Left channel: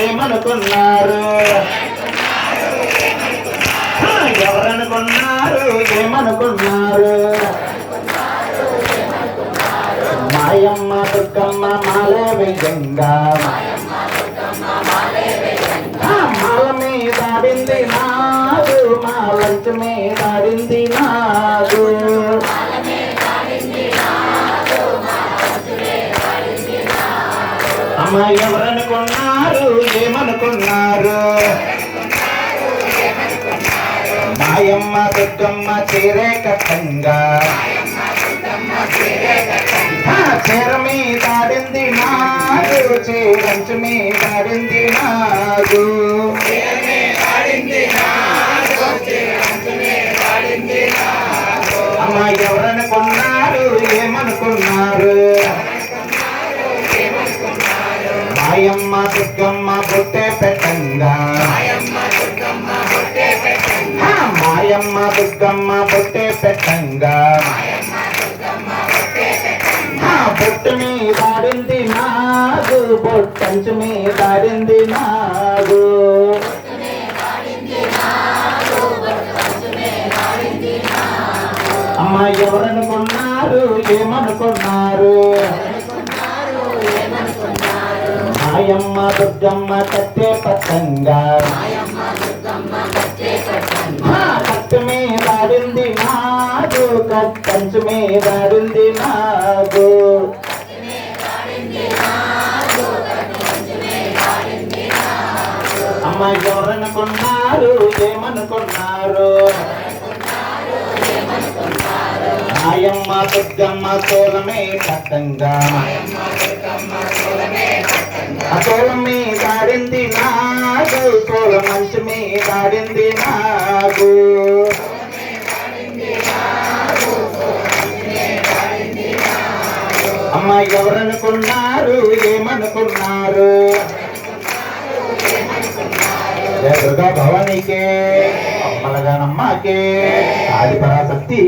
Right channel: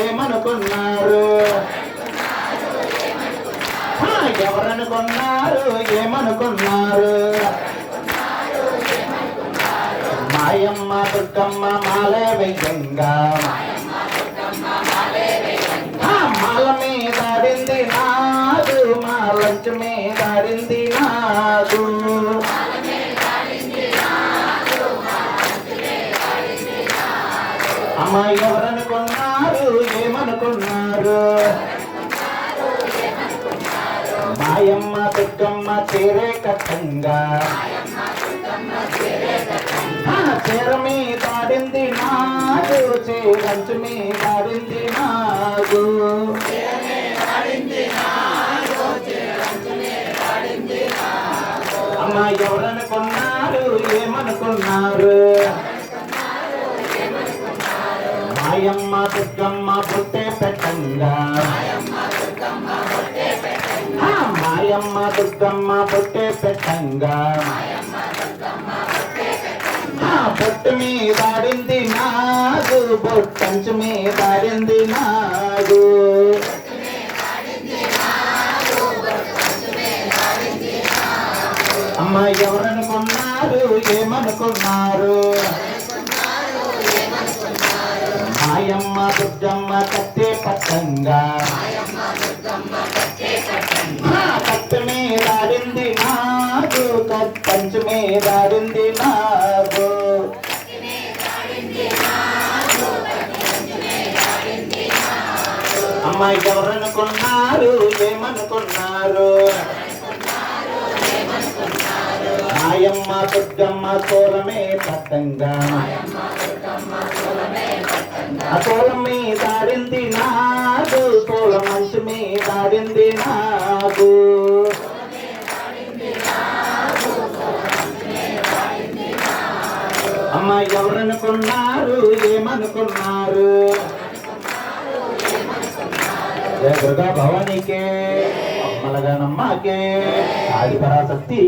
ఏమనుకున్నారు ఎవరనుకున్నారు ఏమనుకున్నారు మాయమ్మ దుర్గమ్మ మాలే విజంగా మాల మీద ఆడింది నాదు మాలంచ మీద ఆడింది నాదు అమ్మ ఎవరనుకున్నారు ఏమనుకున్నారు మాయమ్మ దుర్గమ్మ చీరే కట్టంగా చీర మీద ఆడింది నాదు చీరంచ మీద ఆడింది నాదు అమ్మ ఎవరనుకున్నారు ఏమనుకున్నారు మాయమ్మ దుర్గమ్మ బుట్టే పెట్టంగా మాయమ్మ దుర్గమ్మ బుట్టే పెట్టంగా బొట్టు మీద ఆడింది నాగు బొట్టంచు మీద ఆడింది నాగు అమ్మ ఎవరనుకున్నారు ఏమనుకున్నారు మాయమ్మ దుర్గమ్మ కట్టే పట్టంగా కట్టు మీద ఆడింది నాగు కట్టంచు మీద ఆడింది నాగు అమ్మ ఎవరనుకున్నారు ఏమనుకున్నారు మాయమ్మ దుర్గమ్మ తోలమే పట్టంగా తోల మీద ఆడింది నాగు తోల మంచు మీద ఆడింది నాగు అమ్మ ఎవరనుకున్నారు ఏమనుకున్నారు దుర్గా భవానీకే అమ్మలగానమ్మకే ఆదిపరాశక్తికి